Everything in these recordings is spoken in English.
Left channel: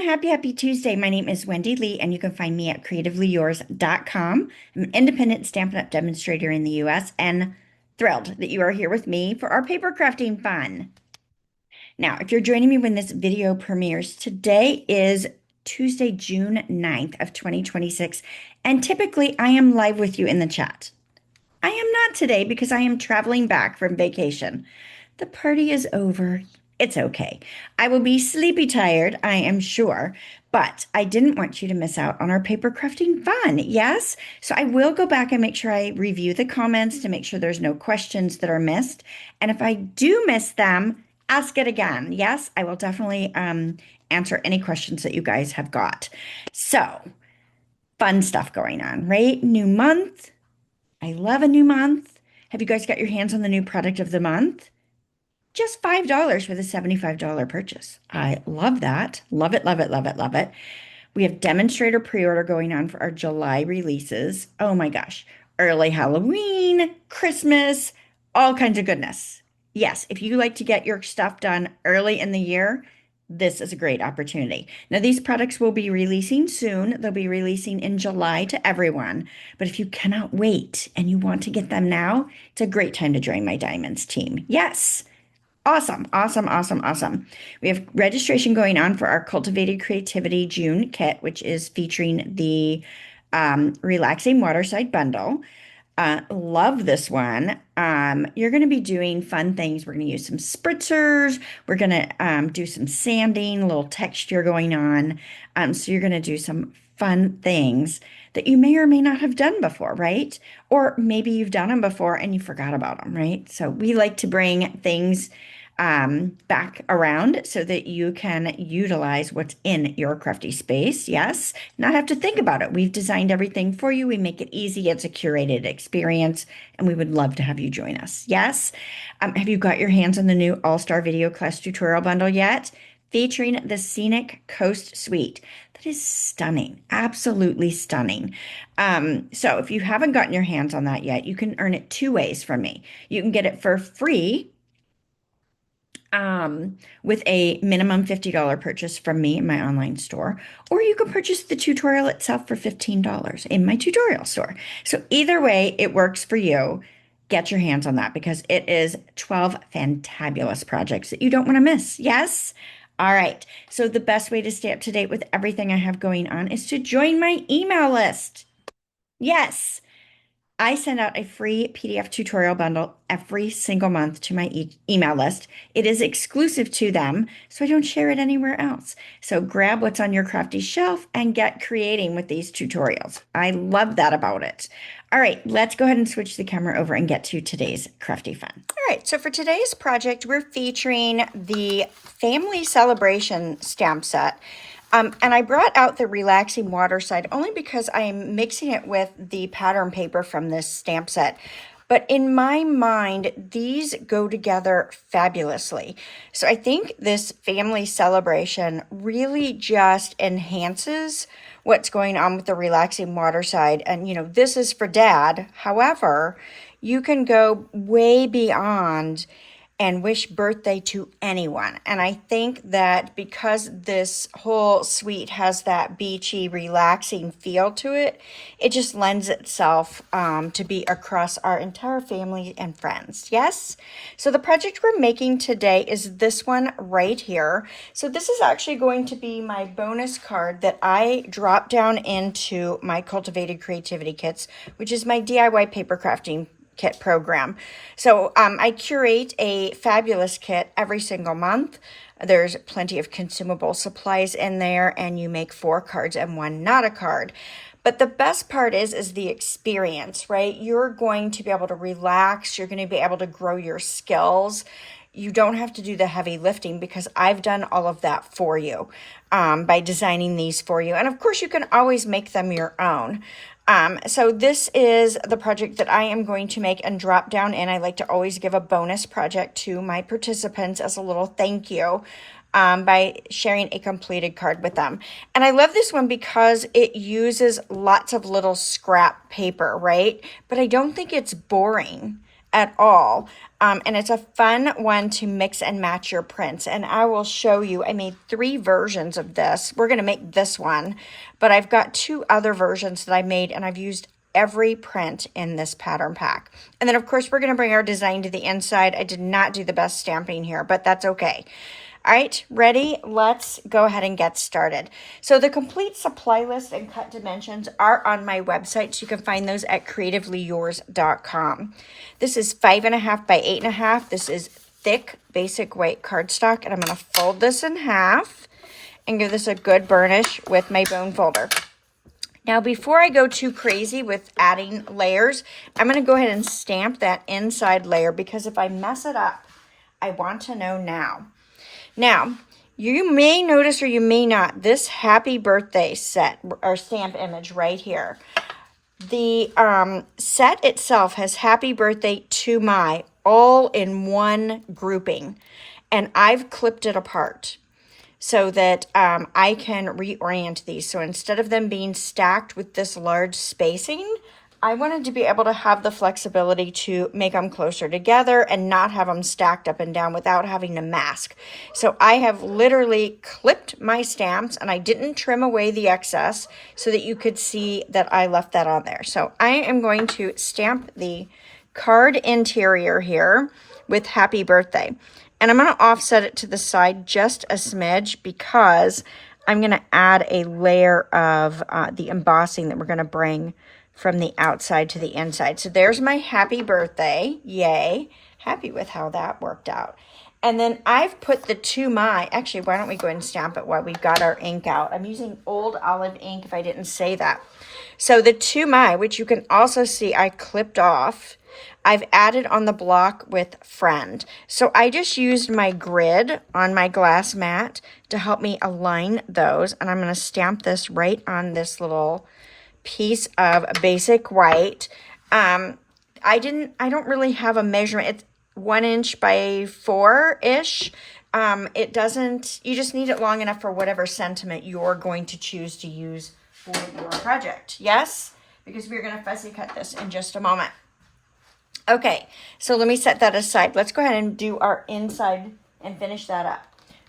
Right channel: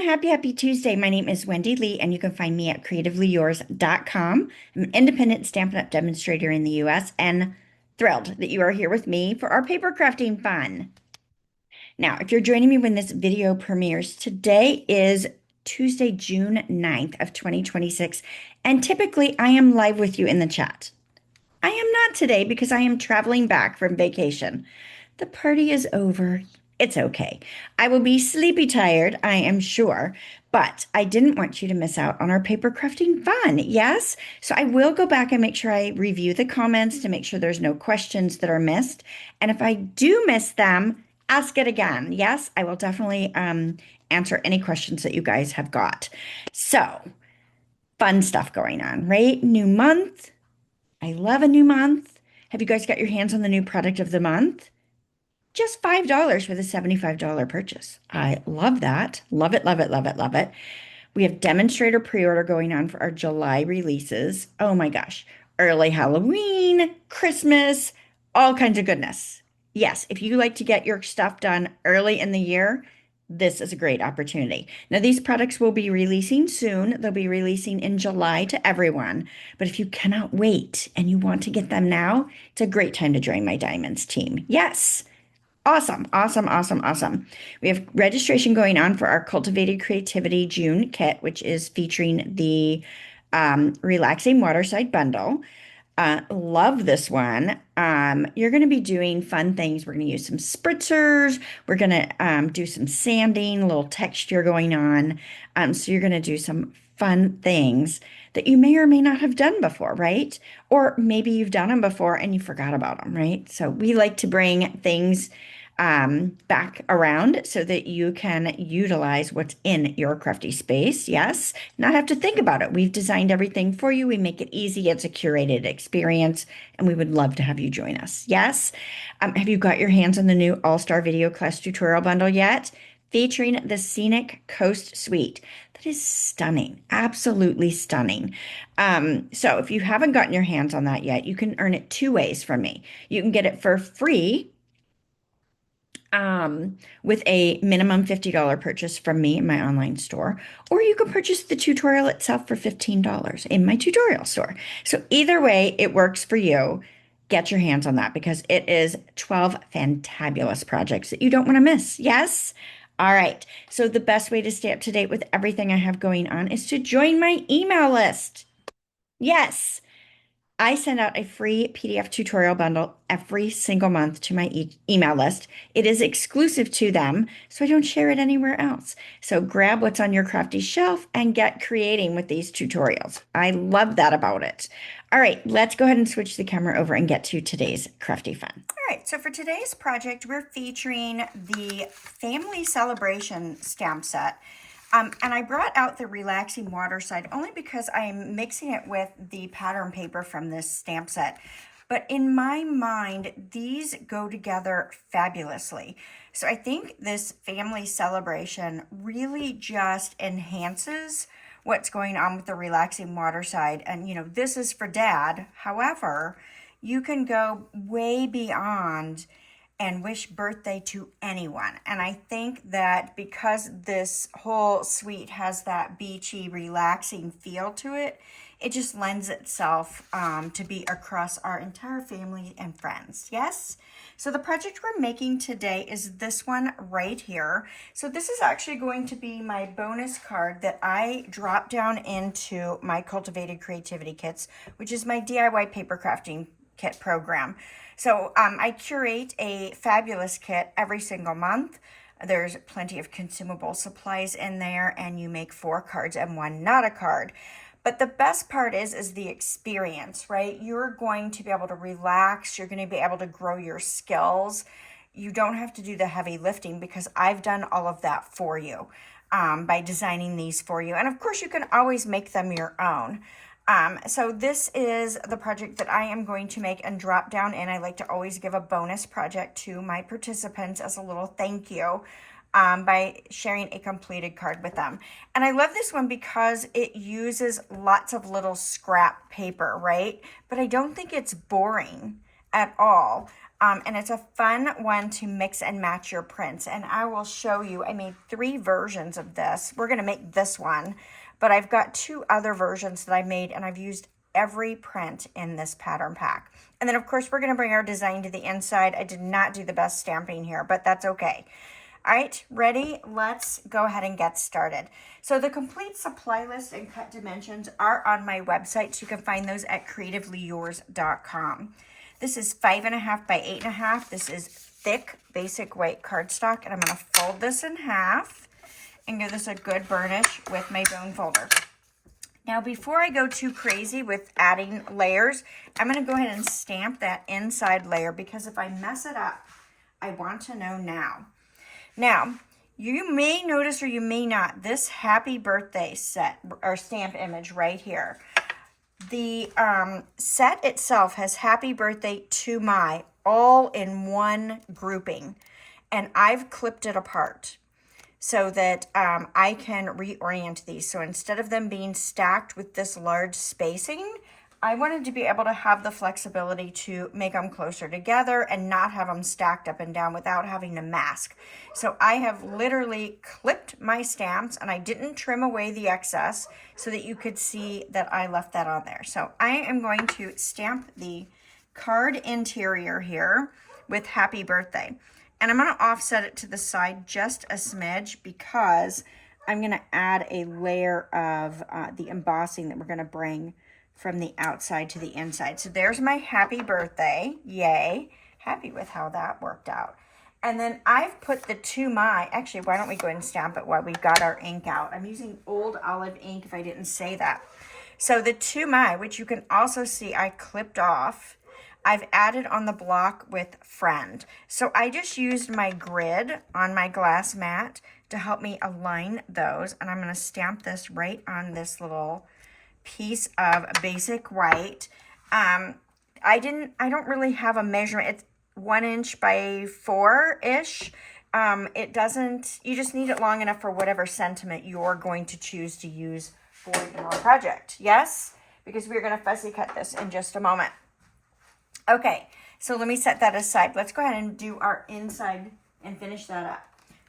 everyone. Happy Tuesday. My name is Wendy Lee, and you can find me at CreativeLeeYours.com. I'm an independent Stampin' Up! Demonstrator in the US and thrilled that you are here with me for our paper crafting fun. Now, if you're joining me when this video premieres, today is Tuesday, June 9th of 2026, and typically I am live with you in the chat. I am not today because I am traveling back from vacation. The party is over. It's okay. I will be sleepy tired, I am sure, but I didn't want you to miss out on our paper crafting fun. Yes? So I will go back and make sure I review the comments to make sure there's no questions that are missed. And if I do miss them, ask it again. Yes, I will definitely answer any questions that you guys have got. So, fun stuff going on, right? New month. I love a new month. Have you guys got your hands on the new product of the month? Just $5 with a $75 purchase. I love that. Love it, love it, love it, love it. We have demonstrator pre-order going on for our July releases. Oh my gosh. Early Halloween, Christmas, all kinds of goodness. Yes, if you like to get your stuff done early in the year, this is a great opportunity. Now, these products will be releasing soon. They'll be releasing in July to everyone. But if you cannot wait and you want to get them now, it's a great time to join my Diamonds team. Yes. Awesome, awesome, awesome, awesome. We have registration going on for our Cultivated Creativity June kit, which is featuring the Relaxing Waterside Bundle. Love this one. You're going to be doing fun things. We're going to use some spritzers. We're going to do some sanding, a little texture going on. So you're going to do some fun things that you may or may not have done before, right? Or maybe you've done them before and you forgot about them, right? So we like to bring things back around so that you can utilize what's in your crafty space. Yes, not have to think about it. We've designed everything for you. We make it easy. It's a curated experience, and we would love to have you join us. Yes. Have you got your hands on the new All-Star Video Class Tutorial Bundle yet? Featuring the Scenic Coast Suite. That is stunning, absolutely stunning. So if you haven't gotten your hands on that yet, you can earn it two ways from me. You can get it for free with a minimum $50 purchase from me in my online store, or you can purchase the tutorial itself for $15 in my tutorial store. So either way, it works for you. Get your hands on that because it is 12 fantabulous projects that you don't want to miss. Yes? All right. So the best way to stay up to date with everything I have going on is to join my email list. Yes. I send out a free PDF tutorial bundle every single month to my email list. It is exclusive to them, so I don't share it anywhere else. So grab what's on your crafty shelf and get creating with these tutorials. I love that about it. All right, let's go ahead and switch the camera over and get to today's crafty fun. All right, so for today's project, we're featuring the Family Celebration stamp set. And I brought out the Relaxing Waterside only because I am mixing it with the pattern paper from this stamp set. But in my mind, these go together fabulously. So I think this family celebration really just enhances what's going on with the Relaxing Waterside. And, you know, this is for dad. However, you can go way beyond and wish birthday to anyone. And I think that because this whole suite has that beachy, relaxing feel to it, it just lends itself to be across our entire family and friends. Yes? So the project we're making today is this one right here. So this is actually going to be my bonus card that I drop down into my Cultivated Creativity Kits, which is my DIY paper crafting kit program. So I curate a fabulous kit every single month. There's plenty of consumable supplies in there, and you make 4 cards and 1 not a card. But the best part is the experience, right? You're going to be able to relax. You're going to be able to grow your skills. You don't have to do the heavy lifting because I've done all of that for you by designing these for you. And of course, you can always make them your own. So this is the project that I am going to make and drop down in. I like to always give a bonus project to my participants as a little thank you by sharing a completed card with them. And I love this one because it uses lots of little scrap paper, right? But I don't think it's boring at all. And it's a fun one to mix and match your prints. And I will show you, I made 3 versions of this. We're going to make this one, but I've got 2 other versions that I made, and I've used every print in this pattern pack. And then of course we're going to bring our design to the inside. I did not do the best stamping here, but that's okay. All right, ready? Let's go ahead and get started. So the complete supply list and cut dimensions are on my website, so you can find those at CreativeLeeYours.com. This is 5.5 by 8.5. This is thick basic white cardstock, and I'm going to fold this in half and give this a good burnish with my bone folder. Now, before I go too crazy with adding layers, I'm going to go ahead and stamp that inside layer, because if I mess it up, I want to know now. Now, you may notice or you may not, this happy birthday set or stamp image right here. The set itself has happy birthday to my all in one grouping, and I've clipped it apart so that I can reorient these. So instead of them being stacked with this large spacing, I wanted to be able to have the flexibility to make them closer together and not have them stacked up and down without having to mask. So I have literally clipped my stamps, and I didn't trim away the excess so that you could see that I left that on there. So I am going to stamp the card interior here with happy birthday. And I'm going to offset it to the side just a smidge, because I'm going to add a layer of the embossing that we're going to bring from the outside to the inside. So there's my happy birthday. Yay. Happy with how that worked out. And then I've put the to my, actually, why don't we go ahead and stamp it while we've got our ink out. I'm using old olive ink if I didn't say that. So the to my, which you can also see I clipped off, I've added on the block with friend. So I just used my grid on my glass mat to help me align those. And I'm going to stamp this right on this little piece of basic white. I don't really have a measurement. It's 1 inch by 4-ish. It doesn't, you just need it long enough for whatever sentiment you're going to choose to use for your project. Yes? Because we're going to fussy cut this in just a moment. Okay, so let me set that aside. Let's go ahead and do our inside and finish that up.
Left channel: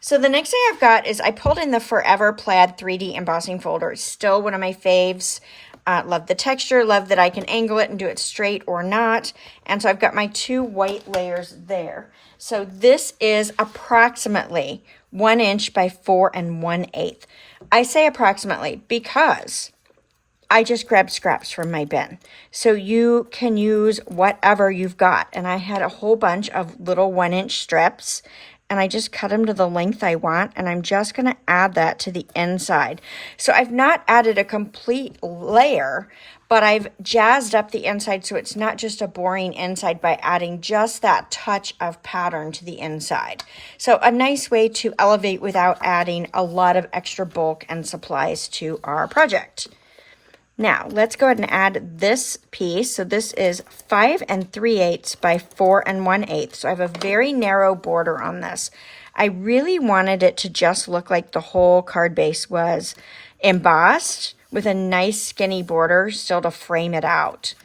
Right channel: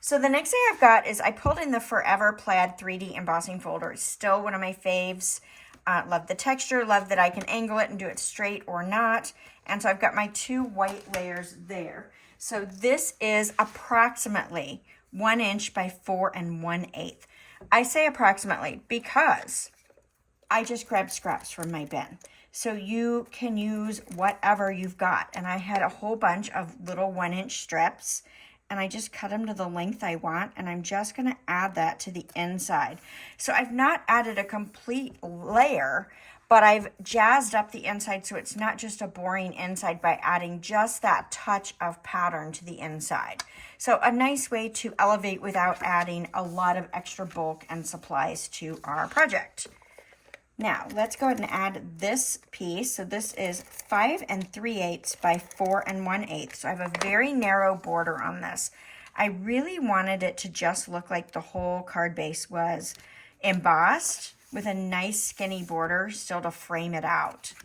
So the next thing I've got is I pulled in the Forever Plaid 3D embossing folder. It's still one of my faves. Love the texture, love that I can angle it and do it straight or not. And so I've got my 2 white layers there. So this is approximately 1 inch by 4 1/8. I say approximately because I just grabbed scraps from my bin. So you can use whatever you've got. And I had a whole bunch of little 1 inch strips, and I just cut them to the length I want, and I'm just going to add that to the inside. So I've not added a complete layer, but I've jazzed up the inside so it's not just a boring inside by adding just that touch of pattern to the inside. So a nice way to elevate without adding a lot of extra bulk and supplies to our project. Now, let's go ahead and add this piece. So this is 5 3/8 by 4 1/8. So I have a very narrow border on this. I really wanted it to just look like the whole card base was embossed with a nice skinny border still to frame it out.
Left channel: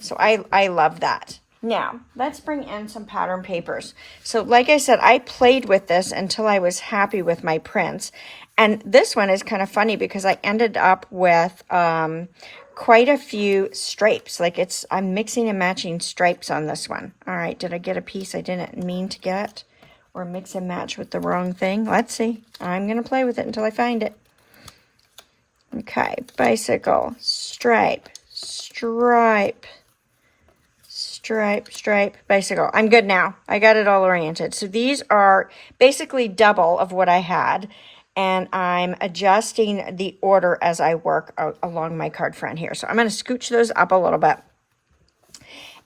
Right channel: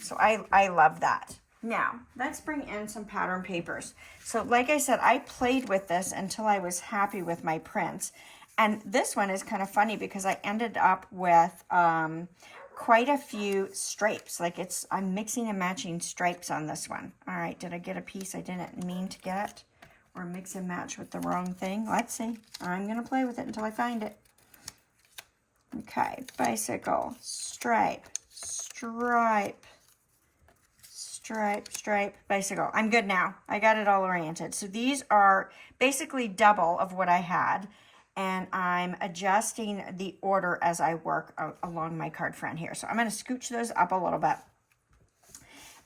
So I love that. Now, let's bring in some pattern papers. So like I said, I played with this until I was happy with my prints. And this one is kind of funny because I ended up with quite a few stripes. Like I'm mixing and matching stripes on this one. All right, did I get a piece I didn't mean to get? Or mix and match with the wrong thing? Let's see. I'm going to play with it until I find it. Okay, bicycle, stripe, stripe, stripe, stripe, bicycle. I'm good now. I got it all oriented. So these are basically double of what I had. And I'm adjusting the order as I work along my card front here. So I'm going to scooch those up a little bit.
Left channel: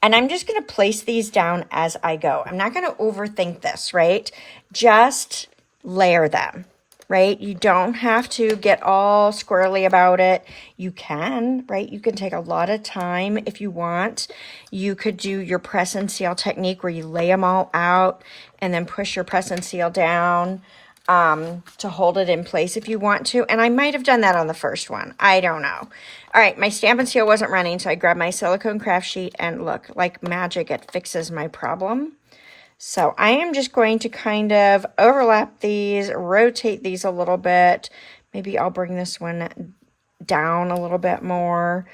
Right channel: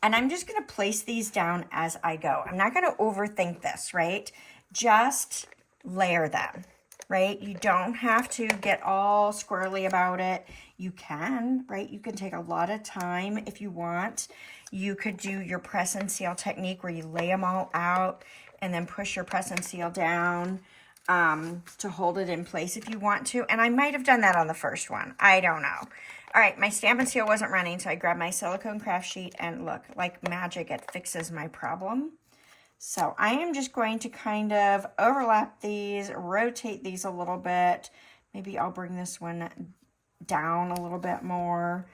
And I'm just going to place these down as I go. I'm not going to overthink this, right? Just layer them, right? You don't have to get all squirrely about it. You can, right? You can take a lot of time if you want. You could do your press and seal technique where you lay them all out and then push your press and seal down. to hold it in place if you want to. And I might have done that on the first one. I don't know. All right, my Stamp and Seal wasn't running, so I grabbed my silicone craft sheet, and look, like magic, it fixes my problem. So I am just going to kind of overlap these, rotate these a little bit. Maybe I'll bring this one down a little bit more.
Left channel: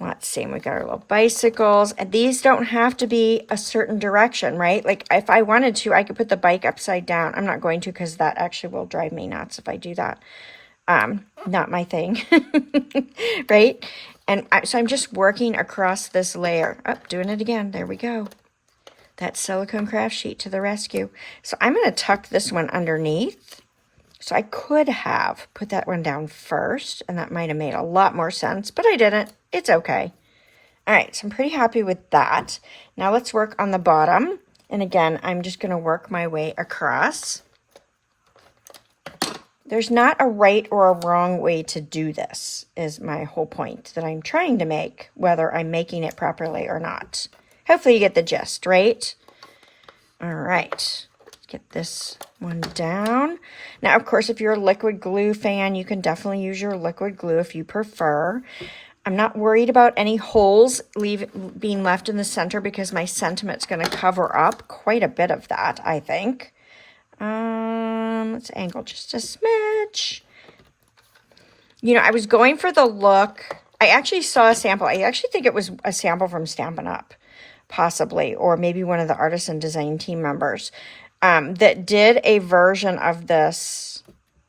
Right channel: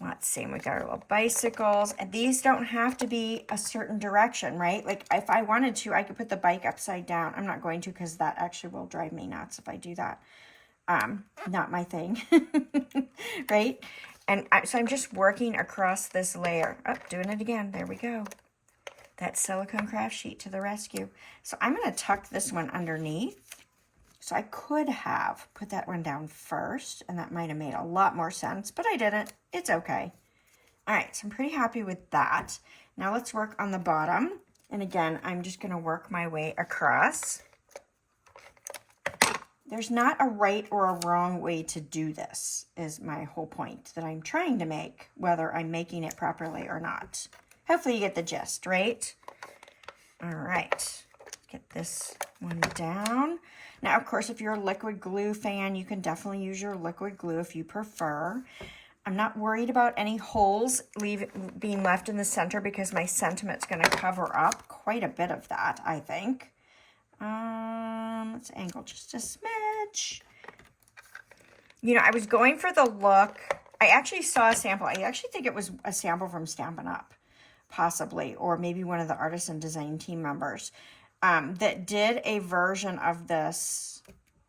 Let's see, we got our little bicycles, and these don't have to be a certain direction, right? Like if I wanted to, I could put the bike upside down. I'm not going to, because that actually will drive me nuts if I do that. Not my thing, right? And so I'm just working across this layer. Oh, doing it again. There we go. That silicone craft sheet to the rescue. So I'm going to tuck this one underneath. So I could have put that one down first, and that might have made a lot more sense, but I didn't. It's okay. All right, so I'm pretty happy with that. Now let's work on the bottom. And again, I'm just going to work my way across. There's not a right or a wrong way to do this, is my whole point that I'm trying to make, whether I'm making it properly or not. Hopefully you get the gist, right? All right. Get this one down. Now, of course, if you're a liquid glue fan, you can definitely use your liquid glue if you prefer. I'm not worried about any holes being left in the center, because my sentiment's going to cover up quite a bit of that, I think. Let's angle just a smidge. You know, I was going for the look. I actually saw a sample. I actually think it was a sample from Stampin' Up, possibly, or maybe one of the artisan design team members. That did a version of this,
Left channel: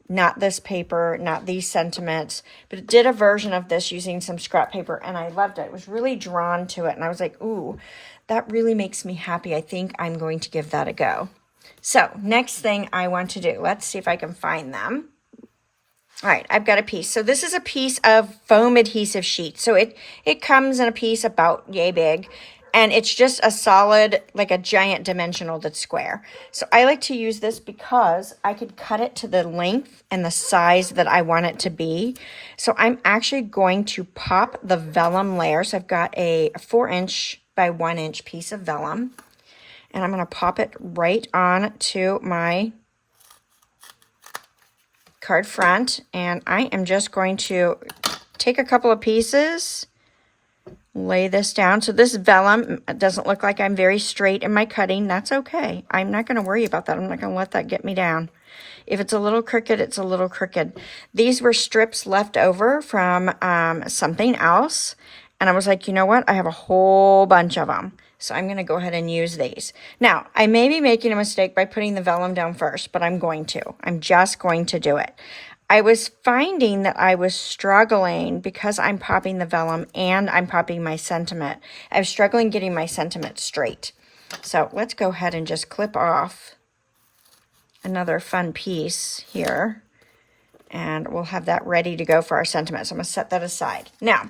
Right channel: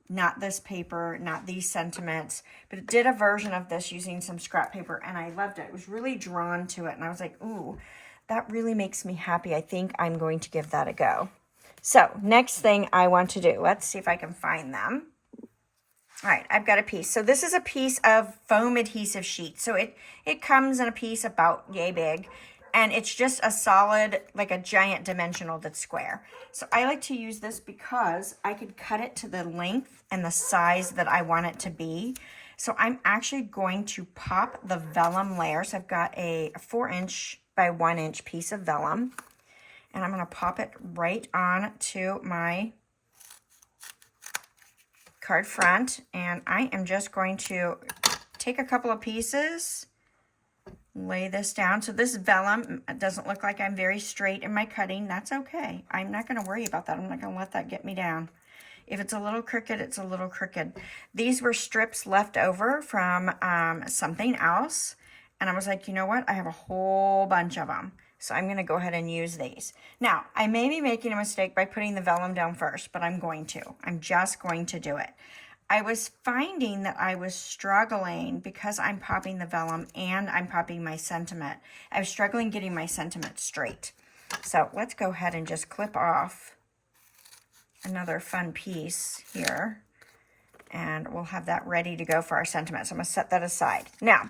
not this paper, not these sentiments, but it did a version of this using some scrap paper, and I loved it. I was really drawn to it, and I was like, ooh, that really makes me happy. I think I'm going to give that a go. So next thing I want to do, let's see if I can find them. All right, I've got a piece. So this is a piece of foam adhesive sheet. So it comes in a piece about yay big. And it's just a solid, like a giant dimensional that's square. So I like to use this because I could cut it to the length and the size that I want it to be. So I'm actually going to pop the vellum layer. So I've got a 4" by 1" piece of vellum. And I'm going to pop it right on to my card front. And I am just going to take a couple of pieces, lay this down. So this vellum doesn't look like I'm very straight in my cutting. That's okay. I'm not going to worry about that. I'm not going to let that get me down. If it's a little crooked, it's a little crooked. These were strips left over from something else. And I was like, you know what? I have a whole bunch of them. So I'm going to go ahead and use these. Now, I may be making a mistake by putting the vellum down first, but I'm going to. I'm just going to do it. I was finding that I was struggling because I'm popping the vellum and I'm popping my sentiment. I was struggling getting my sentiment straight. So let's go ahead and just clip off another fun piece here. And we'll have that ready to go for our sentiment. So I'm going to set that aside. Now,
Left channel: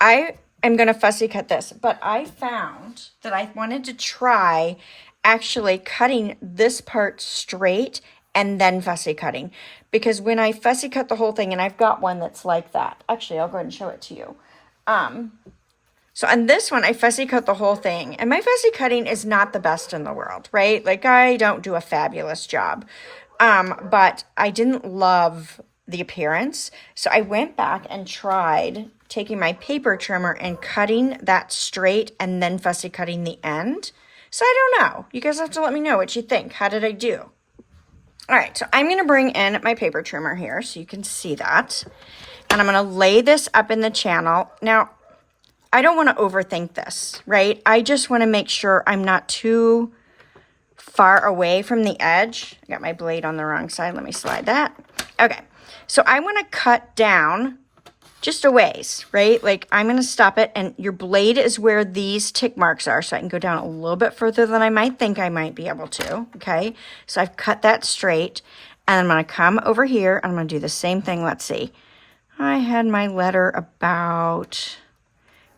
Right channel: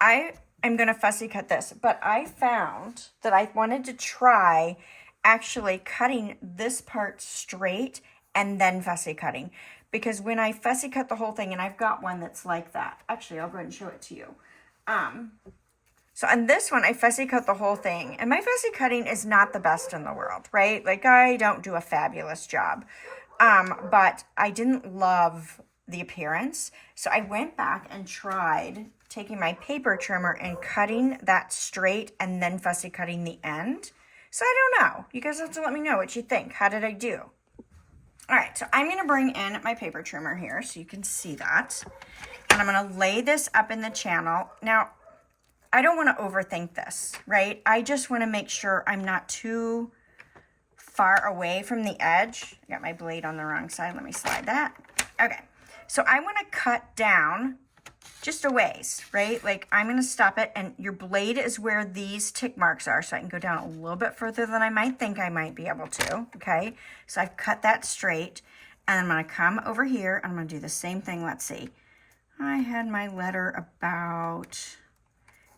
I am going to fussy cut this, but I found that I wanted to try actually cutting this part straight and then fussy cutting. Because when I fussy cut the whole thing, and I've got one that's like that. Actually, I'll go ahead and show it to you. So on this one, I fussy cut the whole thing. And my fussy cutting is not the best in the world, right? Like, I don't do a fabulous job. But I didn't love the appearance. So I went back and tried taking my paper trimmer and cutting that straight and then fussy cutting the end. So I don't know. You guys have to let me know what you think. How did I do? All right, so I'm going to bring in my paper trimmer here so you can see that. And I'm going to lay this up in the channel. Now, I don't want to overthink this, right? I just want to make sure I'm not too far away from the edge. I got my blade on the wrong side. Let me slide that. Okay, so I want to cut down just a ways, right? Like, I'm going to stop it, and your blade is where these tick marks are, so I can go down a little bit further than I might think I might be able to, okay? So I've cut that straight, and I'm going to come over here, and I'm going to do the same thing. Let's see. I had my letter about,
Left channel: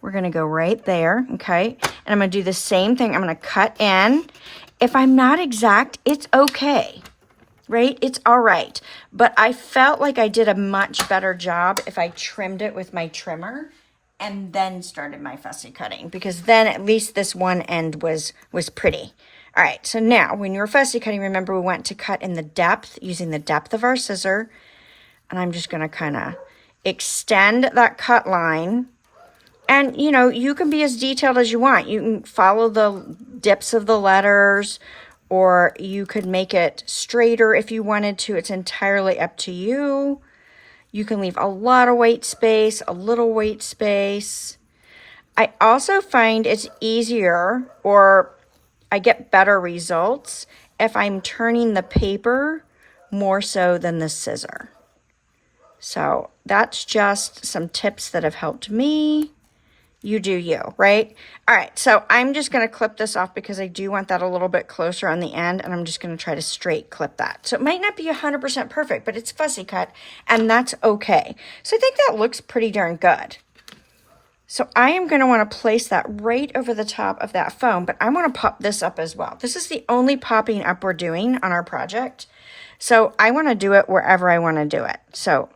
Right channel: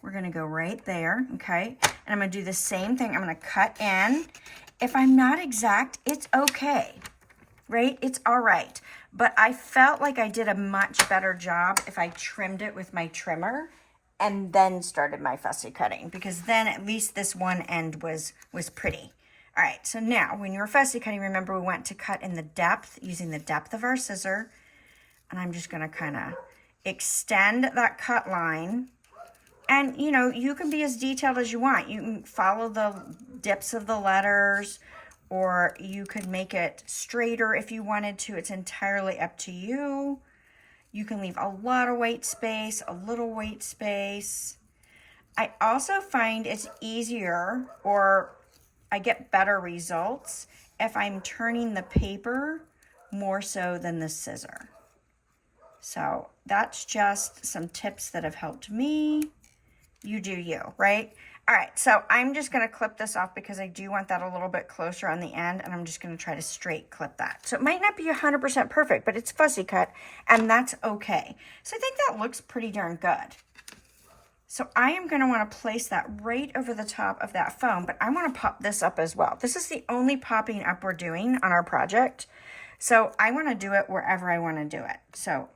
we're going to go right there, okay? And I'm going to do the same thing. I'm going to cut in. If I'm not exact, it's okay. Right? It's all right. But I felt like I did a much better job if I trimmed it with my trimmer and then started my fussy cutting, because then at least this one end was pretty. All right, so now when you're fussy cutting, remember we want to cut in the depth, using the depth of our scissor. And I'm just gonna kind of extend that cut line. And you know, you can be as detailed as you want. You can follow the dips of the letters, or you could make it straighter if you wanted to. It's entirely up to you. You can leave a lot of white space, a little white space. I also find it's easier, or I get better results if I'm turning the paper more so than the scissor. So that's just some tips that have helped me. You do you, right? All right, so I'm just gonna clip this off because I do want that a little bit closer on the end, and I'm just gonna try to straight clip that. So it might not be 100% perfect, but it's fussy cut, and that's okay. So I think that looks pretty darn good. So I am gonna wanna place that right over the top of that foam, but I wanna pop this up as well. This is the only popping up we're doing on our project. So I wanna do it wherever I wanna do it. So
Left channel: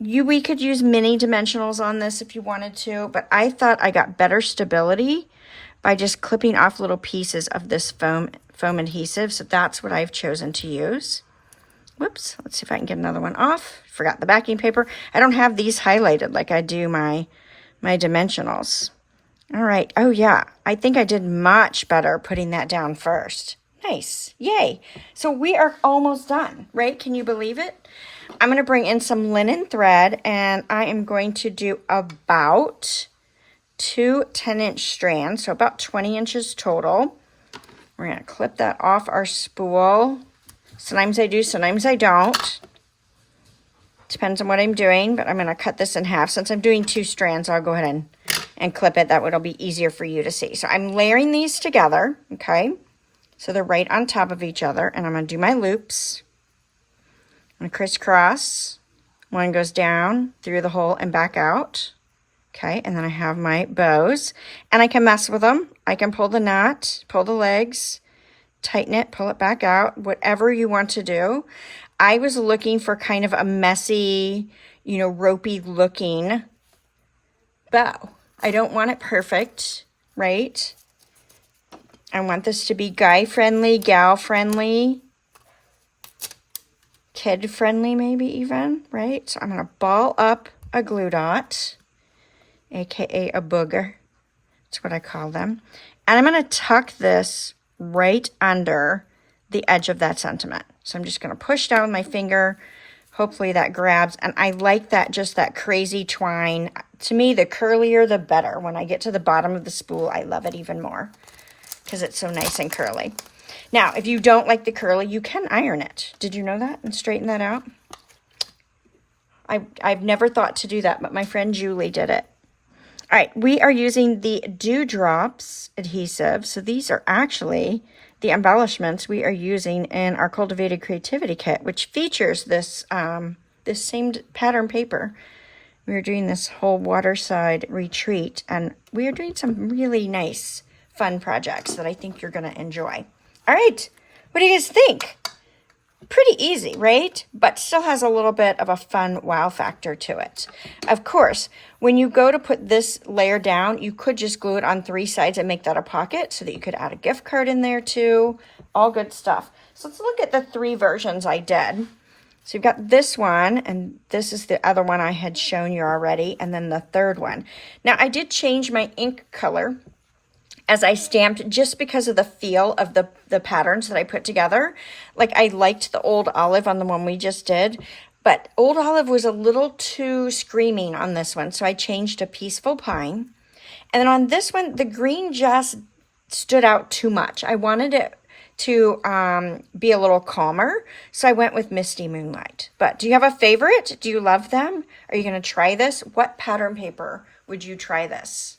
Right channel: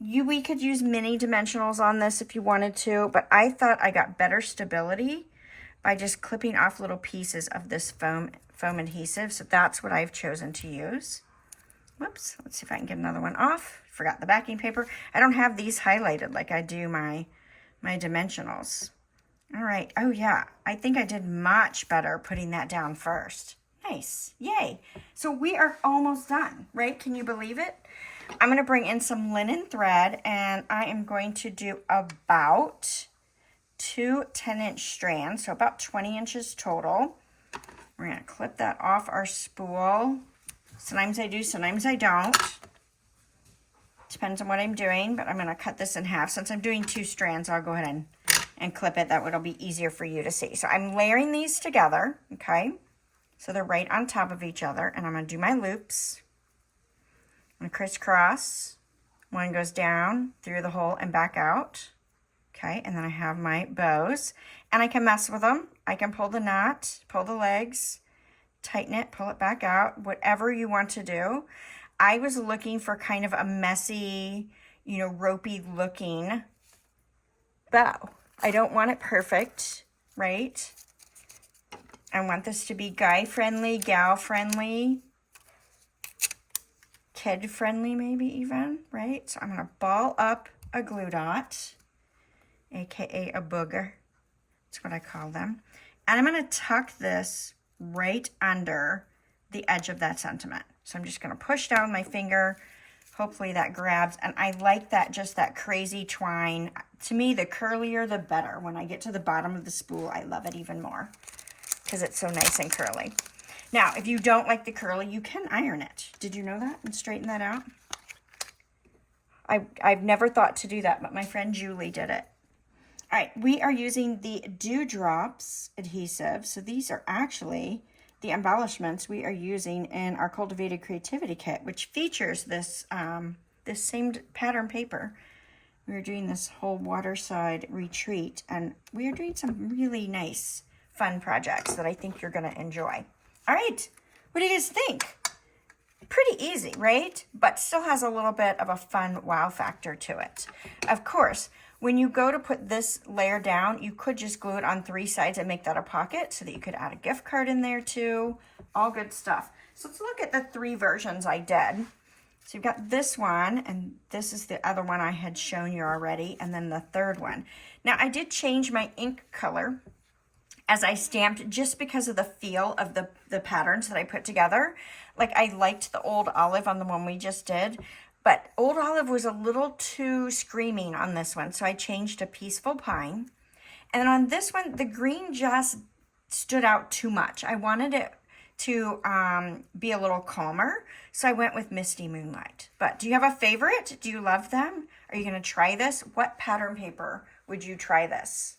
we could use mini dimensionals on this if you wanted to, but I thought I got better stability by just clipping off little pieces of this foam adhesive. So that's what I've chosen to use. Whoops, let's see if I can get another one off. Forgot the backing paper. I don't have these highlighted like I do my dimensionals. All right, oh yeah, I think I did much better putting that down first. Nice, yay. So we are almost done, right? Can you believe it? I'm gonna bring in some linen thread, and I am going to do about 2 10-inch strands, so about 20 inches total. We're gonna clip that off our spool. Sometimes I do, sometimes I don't. Depends on what I'm doing, but I'm gonna cut this in half. Since I'm doing 2 strands, I'll go ahead and clip it. That way it'll be easier for you to see. So I'm layering these together, okay? So they're right on top of each other, and I'm gonna do my loops. I'm gonna crisscross. One goes down through the hole and back out. Okay, and then I have my bows, and I can mess with them. I can pull the knot, pull the legs, tighten it, pull it back out, whatever you want to do. I was looking for kind of a messy, you know, ropey looking bow. I don't want it perfect, right? I want this to be guy friendly, gal friendly, kid friendly maybe even, right? So I'm gonna ball up a glue dot, aka a booger. That's what I call them. And I'm gonna tuck this right under the edge of that sentiment. So I'm just gonna push down my finger. Hopefully that grabs. And I like that, just that crazy twine. To me, the curlier, the better. When I get to the bottom of the spool, I love it even more because it's so nice and curly. Now, if you don't like the curly, you can iron it. Did you know that? And straighten that out? I've never thought to do that, but my friend Julie did it. All right, we are using the Dewdrops adhesive. So these are actually the embellishments we are using in our Cultivated Creativity Kit, which features this, this same pattern paper. We are doing this whole waterside retreat, and we are doing some really nice, fun projects that I think you're gonna enjoy. All right, what do you guys think? Pretty easy, right? But still has a little bit of a fun wow factor to it. Of course, when you go to put this layer down, you could just glue it on 3 sides and make that a pocket so that you could add a gift card in there too. All good stuff. So let's look at the 3 versions I did. So you've got this one, and this is the other one I had shown you already, and then the third one. Now, I did change my ink color as I stamped just because of the feel of the patterns that I put together. Like, I liked the Old Olive on the one we just did, but Old Olive was a little too screaming on this one, so I changed to Peaceful Pine. And then on this one, the green just stood out too much. I wanted it to be a little calmer, so I went with Misty Moonlight. But do you have a favorite? Do you love them? Are you going to try this? What pattern paper would you try this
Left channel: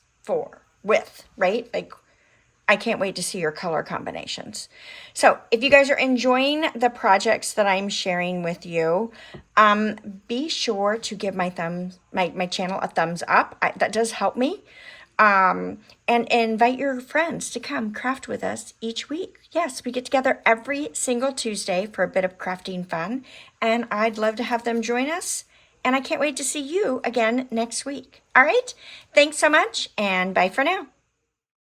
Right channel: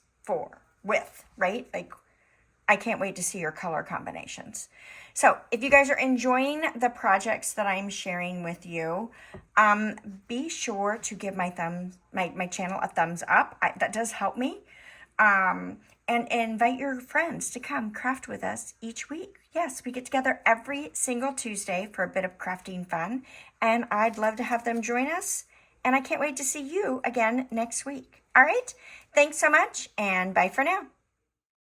with, right? Like, I can't wait to see your color combinations. So if you guys are enjoying the projects that I'm sharing with you, be sure to give my channel a thumbs up. That does help me. And invite your friends to come craft with us each week. Yes, we get together every single Tuesday for a bit of crafting fun, and I'd love to have them join us. And I can't wait to see you again next week. All right, thanks so much, and bye for now.